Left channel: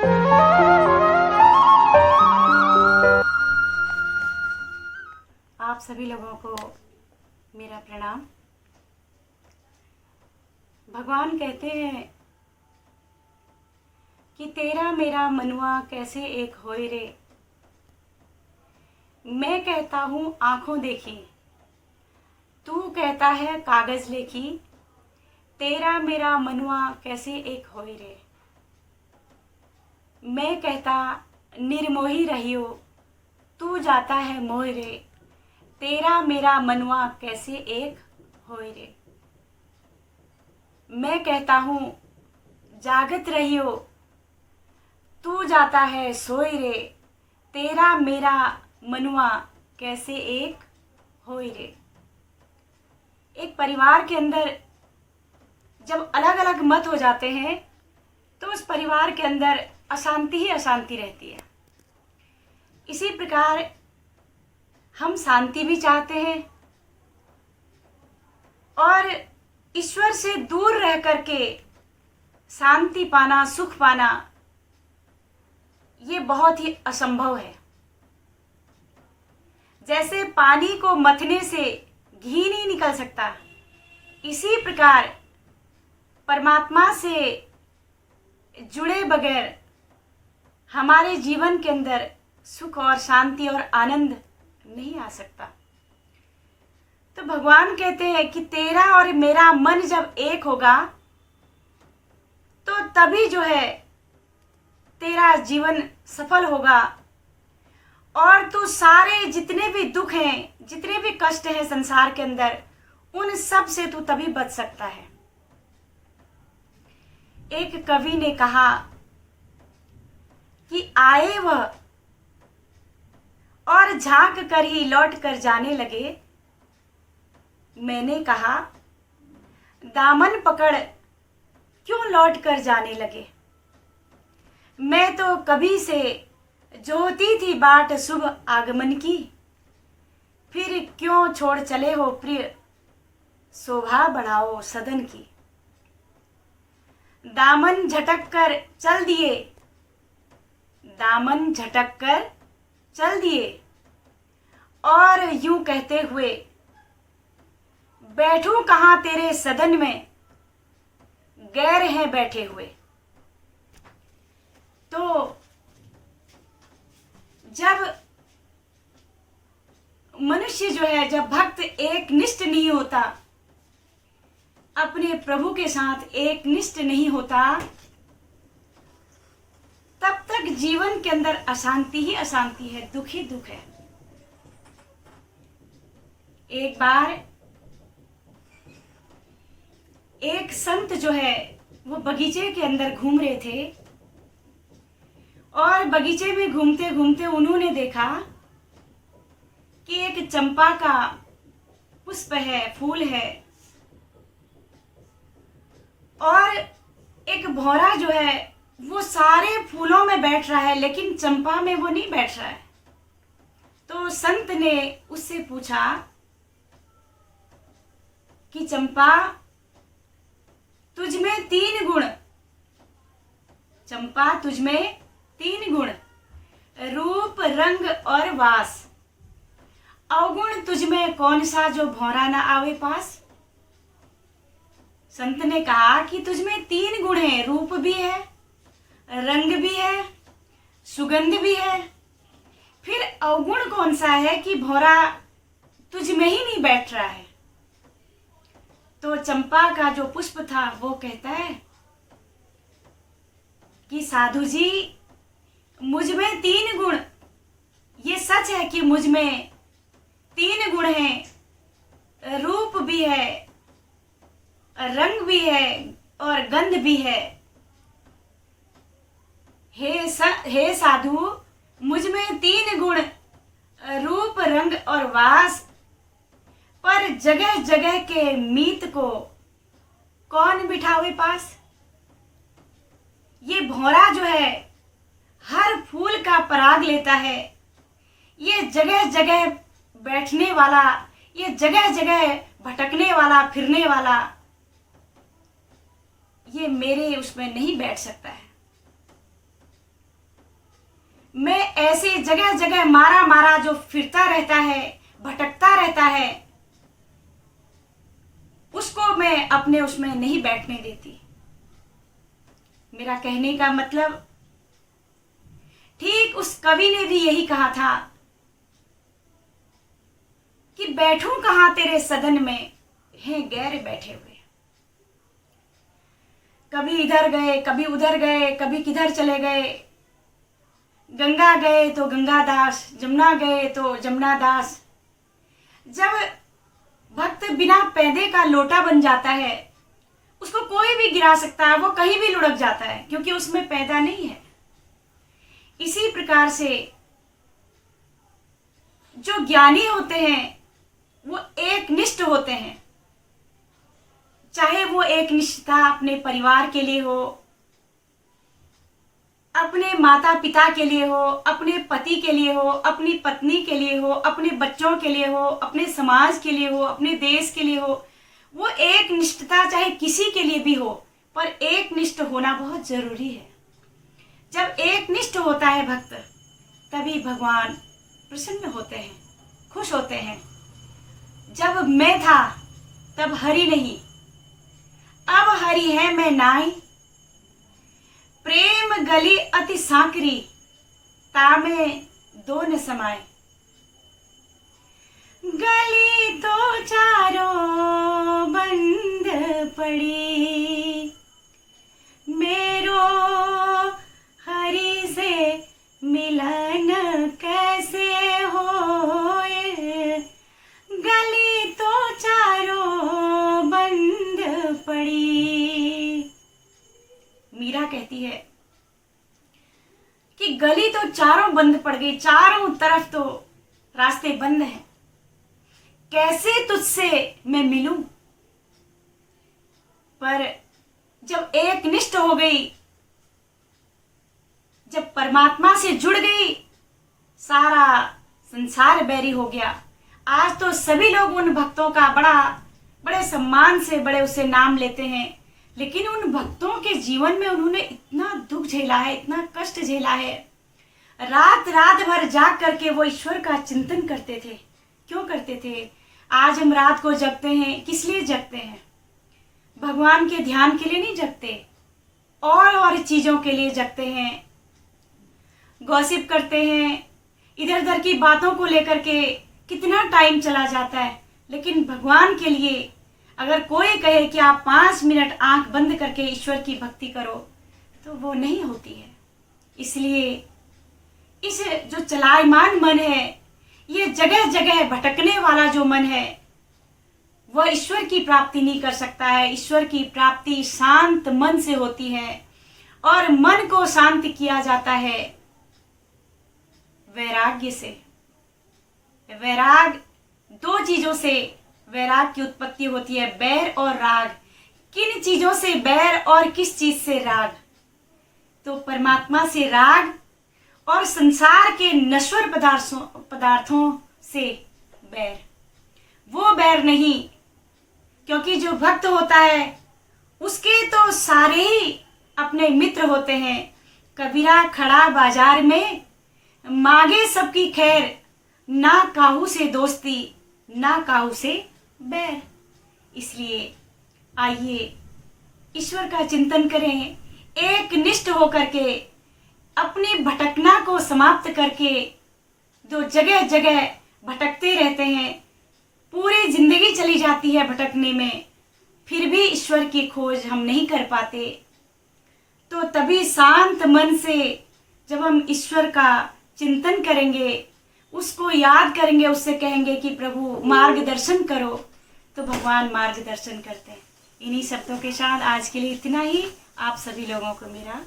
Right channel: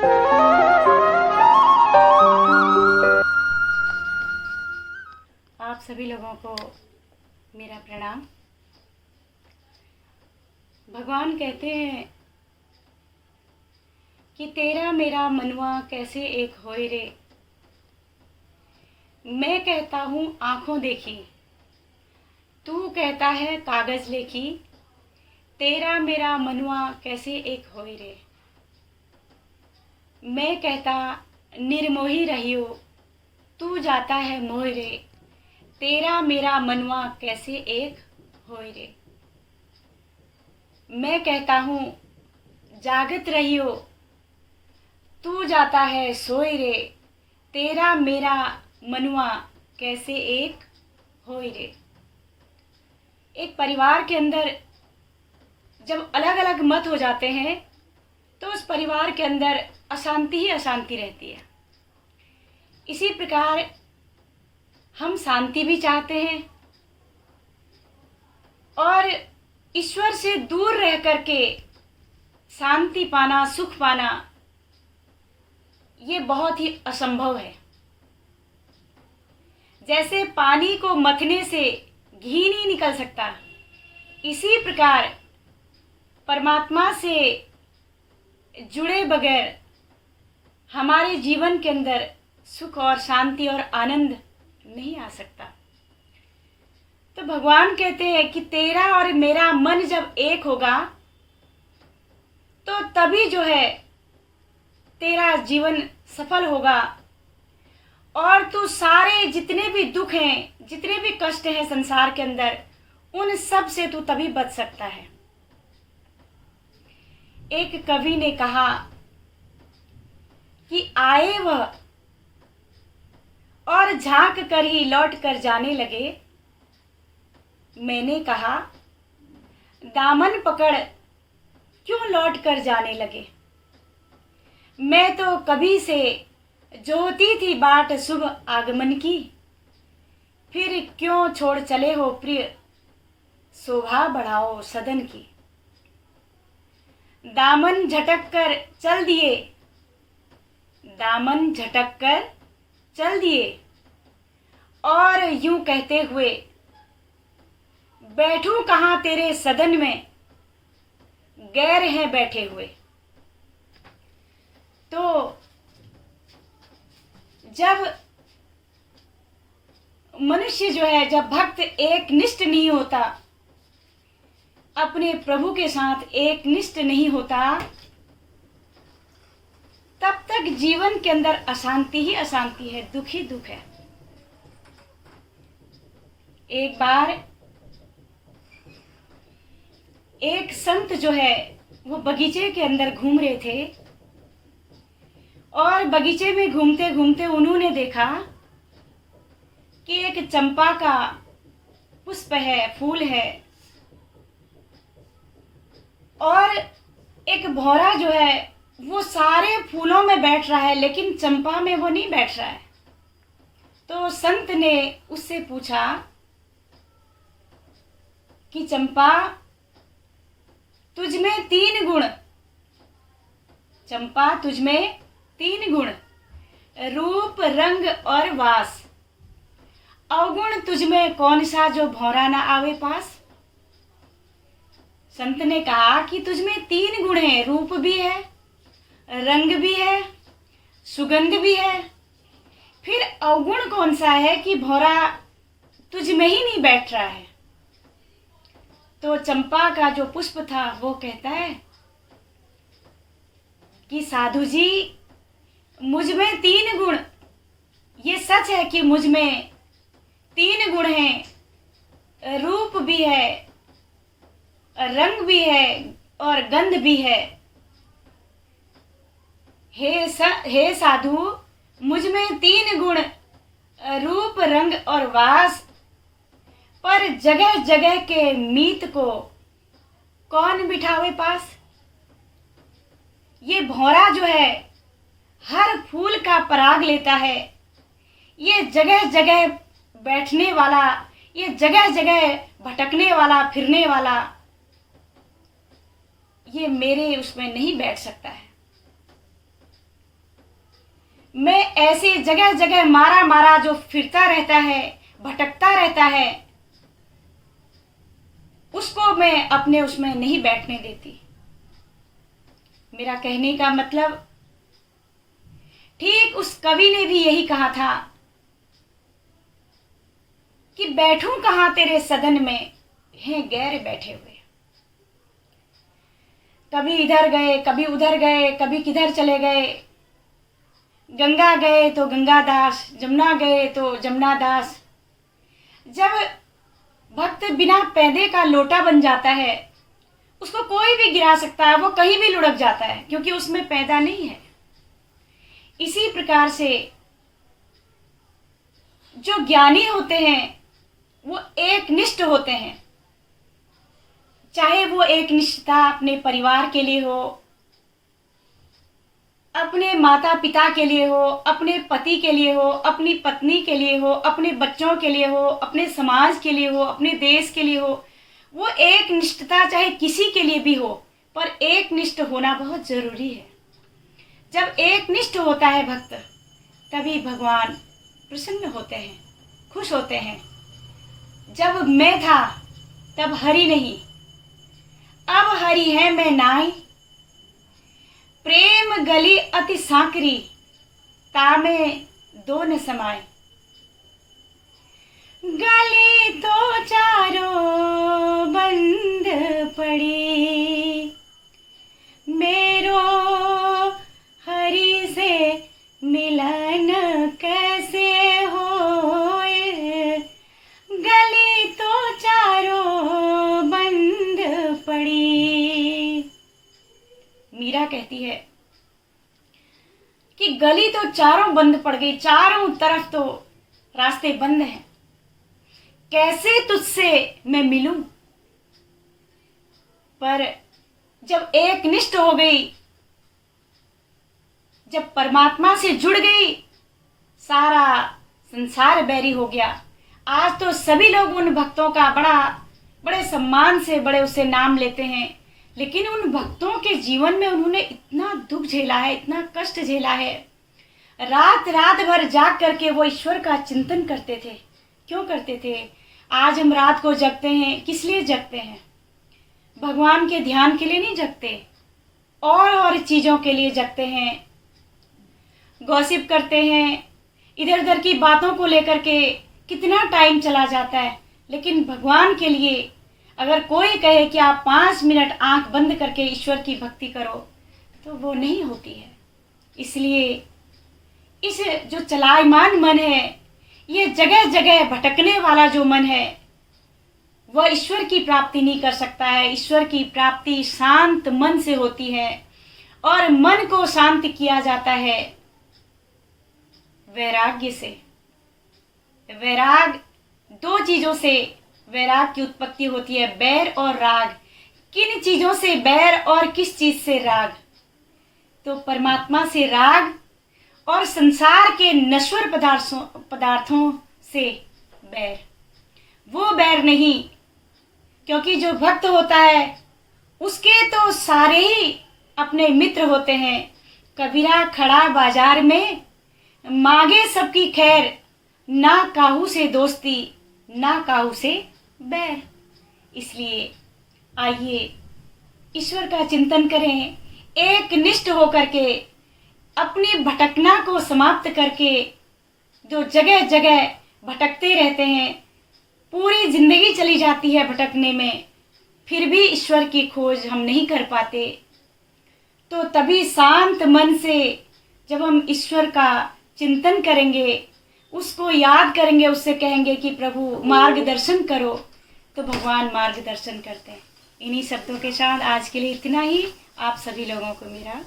आप सभी लोगों को मेरा प्रणाम। भगवान कहते हैं कि तेरा मेरा मनुआ कैसे एक होए रे। मैं कहता हूँ आँखों देखी, तू कहता है कागज लेखी। तेरा मेरा मनुआ कैसे एक होए रे। मैं कहता निर्मोही रहियो, तू जाता है मोह रे। तेरा मेरा मनुआ कैसे एक होए रे। मैं कहता हूँ जागत रहियो, तू जाता है सोए रे। तेरा मेरा मनुआ कैसे एक होए रे। एक परिवार के अंदर जब अलग अलग मत हो जाते हैं तो उस परिवार के अंदर अशांति ही अशांति रहती है। इसी प्रकार हम शांति भी चाहते हैं और ईश्वर से दूर रह करके शांति पाना, सुख पाना, ये बहुत ही असंभव है। जैसे पानी को मथने से घी नहीं निकल सकता, इसी प्रकार परमात्मा से जुड़े बगैर हमारे जीवन के अंदर सुख और शांति और आनंद नहीं आ सकता। तो भगवान कहते हैं कि तेरा और मेरा मन जब एक होगा तो तभी जो है तेरा जीवन सफल होगा और तू सारे जितने भी दुख हैं, जितने भी कष्ट हैं संसार के अंदर, उन सब से तू तभी बच सकता है। एक कवि ने कहा कि आए वह और झांक कर ही लौट कर जाने लगे। मैंने कहा दामन पकड़ क्यों लौट कर जाने लगे। मैं तो कभी से जोहती थी बाट शुभ आगमन की, फिर क्यों छोड़ चले हो प्रिय शोभा बढ़ाओ सदन की। दामन झटक कर चल दिए, दामन झटक कर चल दिए और यूं कहते हुए बैठूं कहाँ तेरे सदन में, गैर हैं बैठे हुए। तो जब मनुष्य जो है, जब भक्त एक निष्ठ नहीं होता, अपने प्रभु के साथ एक निष्ठ नहीं होता, तब तक जीवन के अंदर अशांति ही अशांति है, दुख ही दुख है। एक बार एक संत जो है वो बगीचे के अंदर घूम रहे थे और बगीचे में घूमते घूमते उन्होंने देखा कि एक चंपा का पुष्प है, फूल है और एक भौरा जो है वो सारे फूलों में बैठ रहा है, लेकिन चंपा में वो नहीं बैठ रहा है। तो संत ने उससे पूछा कि चंपा तुझमें तीन गुण, चंपा तुझमें तीन गुण, रूप रंग और वास, अवगुण तुझमें कौन सा जो भौरा ना आवे पास। संत ने कहा कि तुझमें तीन गुण हैं, रूप भी है, रंग भी है, सुगंध भी है, फिर अवगुण कौन सा है कि भौरा तुझ में ही नहीं बैठ रहा है। तो चंपा का जो पुष्प था वो कहता है कि साधु जी मुझ में तीन गुण, ये सच है कि मुझ में तीन गुण हैं, रूप भी है, रंग भी है और गंध भी है। हे साधु मुझ में तीन गुण, रूप रंग और वास, पर जगह जगह के मीत को कौन बिठावे पास। ये भौरा जो है हर फूल का पराग लेता है, ये जगह जगह बैठने वाला, ये जगह जगह भटकने वाला, फिरने वाला, ये मेरे उसमें नहीं बैठ सकता है। मैं ऐसे जगह जगह मारा मारा जो फिरता रहता है, भटकता रहता है, उसको मैं अपने उसमें नहीं बैठने देती। मेरा कहने का मतलब, ठीक उस कवि ने भी यही कहा था कि बैठूं कहां तेरे सदन में, हैं गैर बैठे हुए। कभी इधर गए, कभी उधर गए, कभी किधर चले गए। गंगा गए तो गंगा दास, जमुना गए तो जमुना दास। जब भक्त बिना पैदे का लोटा बन जाता है, उसको कोई भी गिरा सकता है, वो कहीं भी लुढ़क जाता है, क्योंकि उसमें पैदा नहीं है। इसी प्रकार से जो ज्ञानी होते हैं वो एक निष्ठ होते हैं। चाहे वो एक निष्ठता अपने परिवार के लिए हो, अपने माता पिता के लिए हो, अपने पति के लिए हो, अपनी पत्नी के लिए हो, अपने बच्चों के लिए हो, अपने समाज के लिए हो, अपने देश के लिए हो। वो एक निष्ठता चाहे किसी के लिए भी हो, पर एक निष्ठ होना बहुत जरूरी है। जब एक निष्ठ होता है भक्त, तभी भगवान प्रसन्न होते हैं, खुश होते हैं। जब मैं था तब हरि नहीं, अब हरि है मैं नाई। प्रेम गली अति सांकरी, तामे दो न समाए। गली तो चारों बंद पड़ी, मेरो हरि से मिलन कैसे होए। गली तो चारों बंद पड़ी। मीरा कहती है कि गली तो चारों बंद पड़ गई, चारों तरफ तो रास्ते बंद हैं, कैसे तुझसे मैं मिलूं। पर जब एक निष्ठ हो गई, जब परमात्मा से जुड़ गई, सारा संसार बैरी हो गया। आज तो सभी लोग उन भक्तों का बड़े सम्मान से बड़े उसे नाम लेते हैं, लेकिन उन भक्तों के जीवन में उन्होंने इतना दुख झेला है, इतना कष्ट झेला है। रात रात भर जाग करके वो ईश्वर का चिंतन करते थे। क्यों करते थे? आज हम रात को जगते हैं, किस लिए जगते हैं? भगवान के ध्यान के लिए नहीं जगते, और चीज़ों के लिए जगते हैं। गॉसिप करते हैं, इधर उधर की बातों को लेकर के कितना टाइम चला जाता है। लेकिन भगवान के लिए अगर कोई कहे कि आप 5 मिनट आंख बंद करके ईश्वर की भक्ति करो, तो वो नहीं होती है। इसलिए इस जो चलायमान मन है, ये जगह जगह भटकने वाला जो मन है, वह ईश्वर की प्राप्ति नहीं कर सकता है। ईश्वर की प्राप्ति शांत मन से होती है, और मन को शांत किया जाता है वैराग्य से। वैराग, दो चीजों से वैराग की उत्पत्ति होती है, बैर और राग। किन चीजों से बैर और किस चीज से राग? तो परमात्मा से राग, और संसार के नश्वर पदार्थों से बैर। वो बैर नहीं, क्योंकि जो भक्त होता है उसके तो सारे ही अपने मित्र होते हैं। कबीरा खड़ा बाजार में, मांगे सबकी खैर, ना काहू से दोस्ती, ना काहू से बैर। इसलिए आइए ईश्वर का चिंतन करें, एक निष्ठ होकर के अपनी भटकना को समाप्त करके। जो जगह जगह भटकते रहते हैं, पूरी जिंदगी चली जाती है भटकने में, फिर भी ईश्वर की खोज हम नहीं कर पाते। तो तभी शांत मन से जब हम ईश्वर का चिंतन करेंगे, उसको याद करेंगे, उससे कहेंगे कि प्रभु मार्गदर्शन करो, तो भगवान मार्गदर्शन करते हैं। इन्हीं शब्दों के साथ आज के लिए इतना ही। आप सभी लोगों को मेरा